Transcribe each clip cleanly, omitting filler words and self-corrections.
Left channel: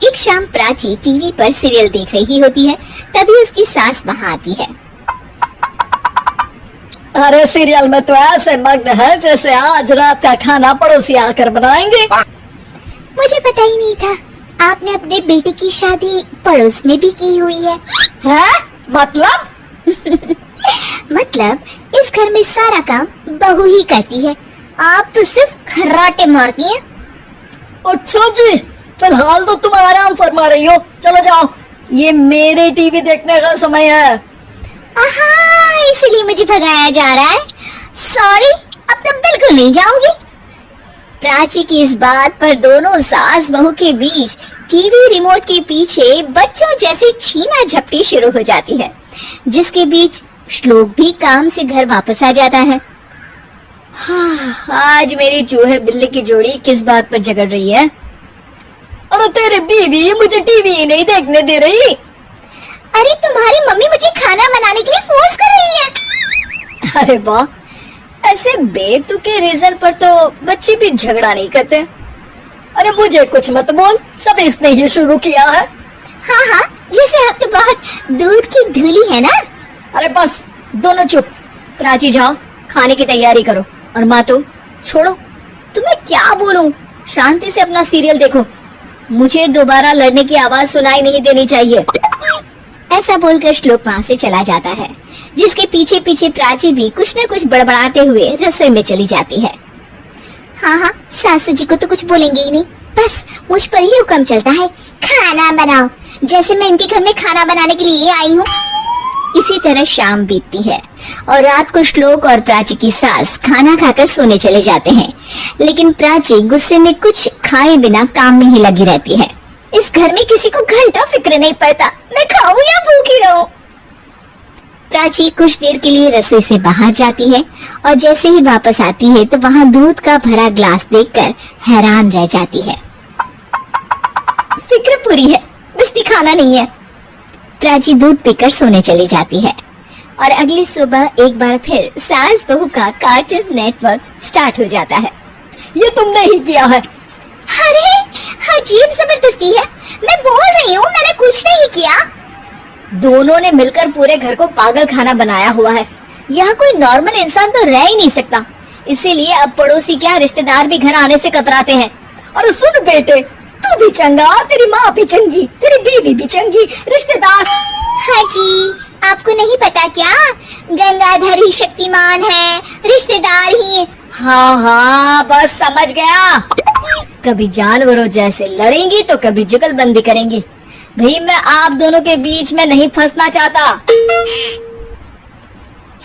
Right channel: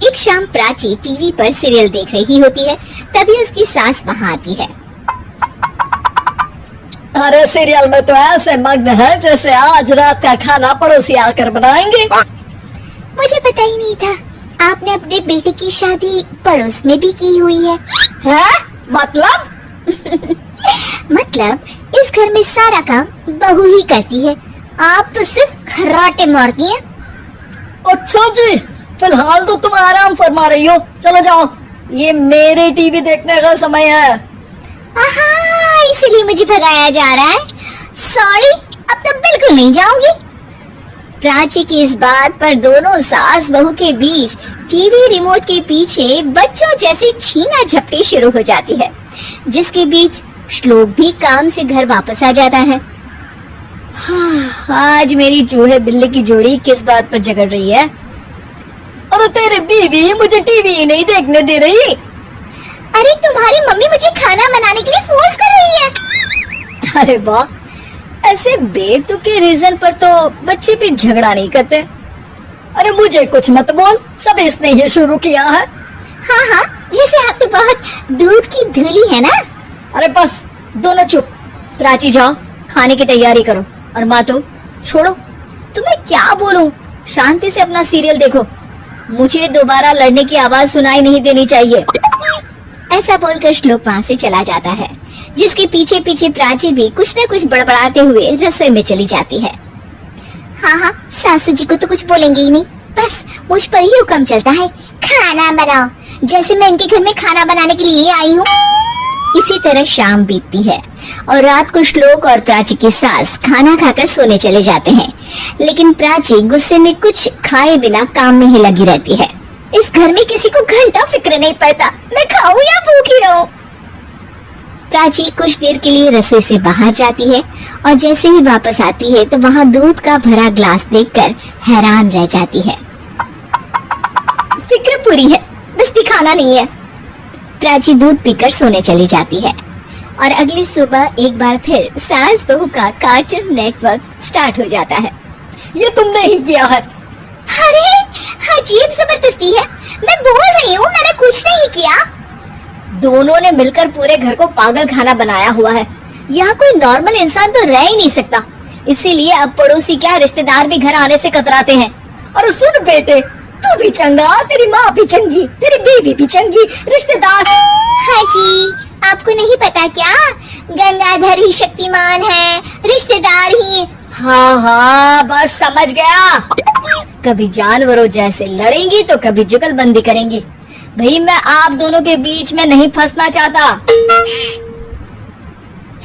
एक शाम प्राची टीवी पर सीरियल देख रही होती है, तभी उसकी सास वहाँ आती है। अरे सीरियल में तो ऐसे मग्न है जैसे आज रात का खाना पड़ोसी आकर बनाएंगे। मुझे पता ही नहीं था आपने अपने बेटे की शादी पड़ोस में भी की हुई है। हैं? मतलब? मतलब इस घर में सारा काम बहू ही करती है, आप तो सिर्फ खर्राटे मारती हैं। अच्छा जी, फिलहाल तो तुम आराम फरमा रही हो, चलो जाओ, ये मेरी टीवी देखने का समय है। इसलिए मुझे भगाया जा रहा है। सॉरी, अब तो बिल्कुल नहीं जाऊंगी। प्राची की इस बात पर दोनों सास बहू के बीच टीवी रिमोट के पीछे बच्चों जैसे छीना झपटी शुरू हो जाती है, जिसके बीच श्लोक भी काम से घर वापस आ जाता है। आज मेरी चूहे बिल्ली की जोड़ी किस बात पर झगड़ रही है? अरे तेरी बीवी मुझे टीवी ही नहीं देखने दे रही। अरे तुम्हारी मम्मी मुझे खाना बनाने के लिए फोर्स कर रही है। अरे वाह, ऐसे बेतुके रीजन पर तो बच्चे भी झगड़ा नहीं करते। अरे मुझे कुछ मत बोल, सब इसने ही शुरू किया है। हाँ, जैसे आप तो बहुत दूध की धूली है ना। अरे बस, दोनों चुप। प्राची जाओ, खाने की तैयारी करो। और माँ तो छोड़ो, तुम्हें क्या बोलूं, शांति से अपना सीरियल देखो, मुझे दोबारा लड़ने की आवाज सुनाई नहीं देनी चाहिए। ऐसा बोलकर श्लोक वहाँ से चला जाता है, जिसके पीछे पीछे प्राची भी कुछ न कुछ बड़बड़ाते हुए रसोई में चली जाती है। हाँ, सासू जी को तो कुछ बोलेंगे ही नहीं, बस मुझ पर ही हुक्म चलता है, खाना बनाओ, जैसे मैं इनके घर में खाना बनाने के लिए आई हूँ। इसी तरह शाम बीतती है और रात को श्लोक और प्राची की सास खाना खाकर सोने चले जाते हैं, लेकिन प्राची गुस्से में कुछ खाए बिना काम में ही लगी रहती है। इस घर में किसी को घंटा फिक्र नहीं पड़ता, मैं खाऊं या भूखी रहूं। प्राची कुछ देर के लिए रसोई से बाहर जाती है और जैसे ही वापस आती है तो वहाँ दूध का भरा ग्लास देखकर हैरान रह जाती है। फिक्र पूरी है, बस दिखाना नहीं है। प्राची दूध पीकर सोने चली जाती है और अगली सुबह एक बार फिर सास बहू का कार्टून नेटवर्क स्टार्ट हो जाता है। ये तुमने ही किया है। अरे अजीब जबरदस्ती है, मैं बोल रही हूँ मैंने कुछ नहीं किया। दोनों ने मिलकर पूरे घर को पागल खाना बनाया हुआ है। यहाँ कोई नॉर्मल इंसान तो रह ही नहीं सकता, इसीलिए अब पड़ोसी क्या रिश्तेदार भी घर आने से कतराते हैं। और सुन बेटे, तू भी चंगा, तेरी माँ भी चंगी, तेरी बीवी भी चंगी, रिश्तेदार। हाँ जी, आपको नहीं पता क्या, गंगाधर ही शक्तिमान है, रिश्तेदार ही। हाँ, बस समझ गया। कभी जानवरों जैसे लड़ेंगी तो कभी जुगलबंदी करेंगी। भाई मैं आप दोनों के बीच में नहीं फंसना चाहता।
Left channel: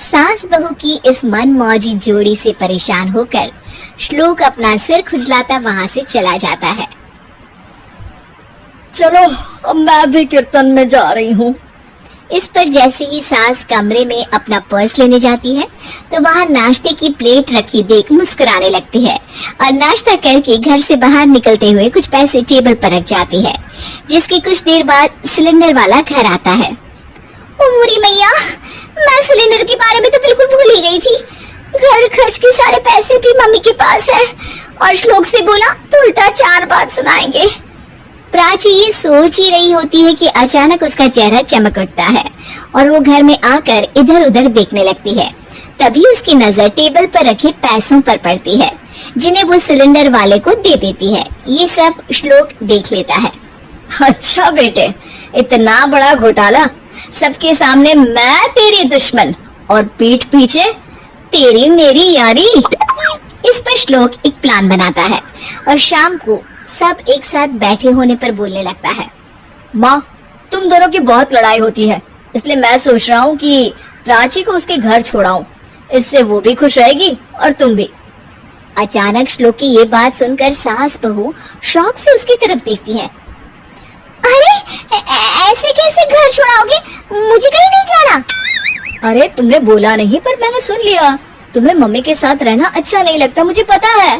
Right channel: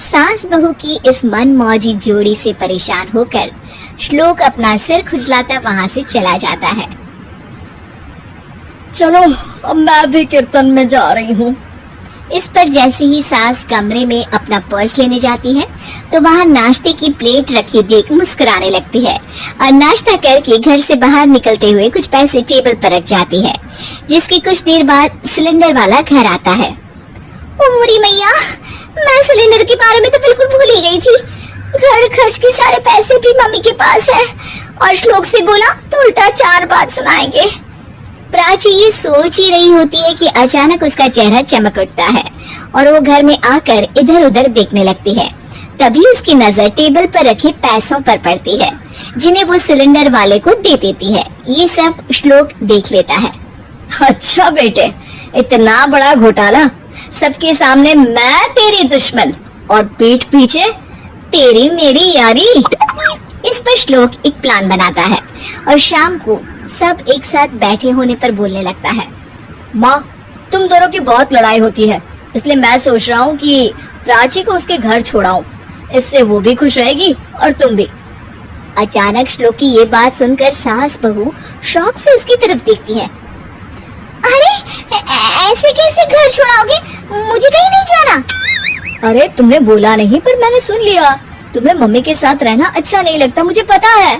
सास बहू की इस मनमौजी जोड़ी से परेशान होकर श्लोक अपना सिर खुजलाता वहाँ से चला जाता है। चलो अब मैं भी कीर्तन में जा रही हूँ। इस पर जैसे ही सास कमरे में अपना पर्स लेने जाती है तो वहाँ नाश्ते की प्लेट रखी देख मुस्कुराने लगती है और नाश्ता करके घर से बाहर निकलते हुए कुछ पैसे टेबल पर रख जाती है, जिसके कुछ देर बाद सिलेंडर वाला घर आता है। ओ मोरी मैया, मैं सिलेंडर के बारे में तो बिल्कुल भूल ही गई थी। घर खर्च के सारे पैसे भी मम्मी के पास है और श्लोक से बोला तो उल्टा 4 बात सुनाएंगे। प्राची ये सोच ही रही होती है कि अचानक उसका चेहरा चमक उठता है और वो घर में आकर इधर उधर देखने लगती है। तभी उसकी नजर टेबल पर रखे पैसों पर पड़ती है, जिन्हें वो सिलेंडर वाले को दे देती है। ये सब श्लोक देख लेता है। अच्छा बेटे, इतना बड़ा घोटाला, सबके सामने मैं तेरी दुश्मन और पीठ पीछे तेरी मेरी यारी। इस पर श्लोक एक प्लान बनाता है और शाम को सब एक साथ बैठे होने पर बोलने लगता है। माँ, तुम दोनों की बहुत लड़ाई होती है, इसलिए मैं सोच रहा हूँ कि प्राची को उसके घर छोड़ाऊं, इससे वो भी खुश रहेगी और तुम भी। अचानक श्लोक की ये बात सुनकर सास बहू शौक से उसकी तरफ देखती है। अरे ऐसे कैसे घर छोड़ाओगे, मुझे कहीं नहीं जाना। अरे तुमने बोला नहीं पर मैंने सुन लिया, तुम्हें मम्मी के साथ रहना अच्छा नहीं लगता, मुझे पता है।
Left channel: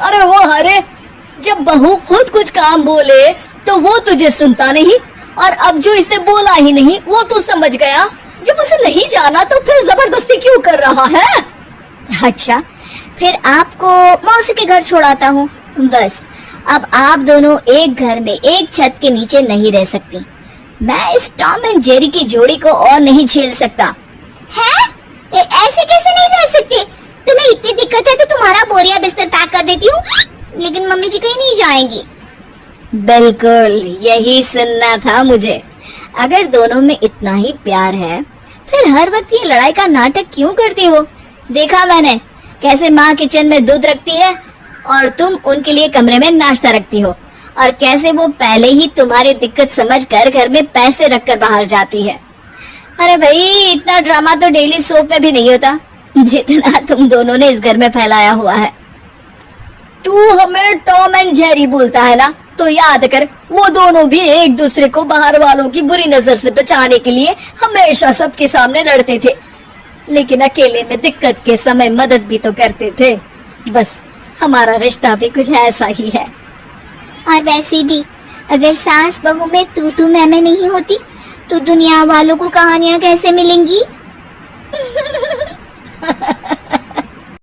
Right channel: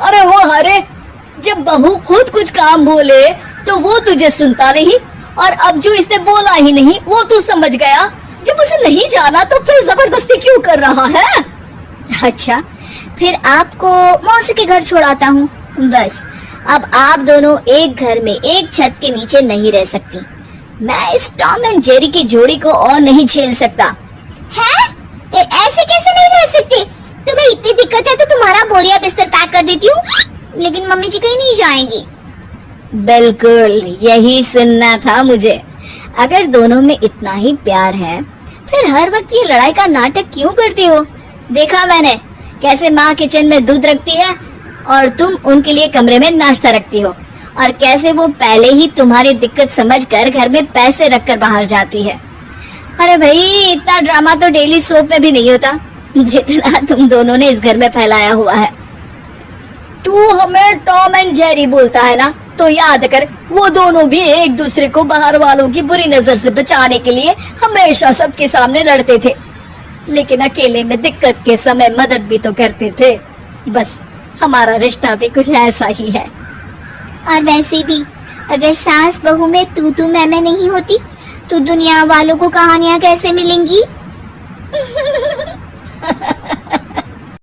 अरे वो अरे जब बहू खुद कुछ काम बोले तो वो तुझे सुनता नहीं, और अब जो इसने बोला ही नहीं वो तू समझ गया। जब उसे नहीं जाना तो फिर जबरदस्ती क्यों कर रहा है? अच्छा, फिर आपको मौसी के घर छोड़ाता हूँ, बस अब आप दोनों एक घर में एक छत के नीचे नहीं रह सकती। मैं इस टॉम एंड जेरी की जोड़ी को और नहीं झेल सकता। है? ऐसे कैसे नहीं रह सकते? तुम्हें इतनी दिक्कत है तो तुम्हारा बोरिया बिस्तर पैक कर देती हूँ। लेकिन मम्मी जी कहीं नहीं जाएंगी। बिल्कुल यही सुनना था मुझे। अगर दोनों में इतना ही प्यार है फिर हर वक्त ये लड़ाई का नाटक क्यों करती हो? देखा मैंने कैसे माँ किचन में दूध रखती है और तुम उनके लिए कमरे में नाश्ता रखती हो, और कैसे वो पहले ही तुम्हारी दिक्कत समझकर घर में पैसे रखकर बाहर जाती है। अरे भाई इतना ड्रामा तो डेली सोप में भी नहीं होता जितना तुम दोनों ने इस घर में फैलाया हुआ है। तू हमें टॉम एंड जेरी बोलता है ना, तो याद कर वो दोनों भी एक दूसरे को बाहर वालों की बुरी नजर से बचाने के लिए हमेशा सबके सामने लड़ते थे, लेकिन अकेले में दिक्कत के समय मदद भी तो करते थे। बस हमारा रिश्ता भी कुछ ऐसा ही है। और वैसे भी अगर सास बहू में तू मैं नहीं होती तो दुनिया वालों को कहानियां कैसे मिलेंगी?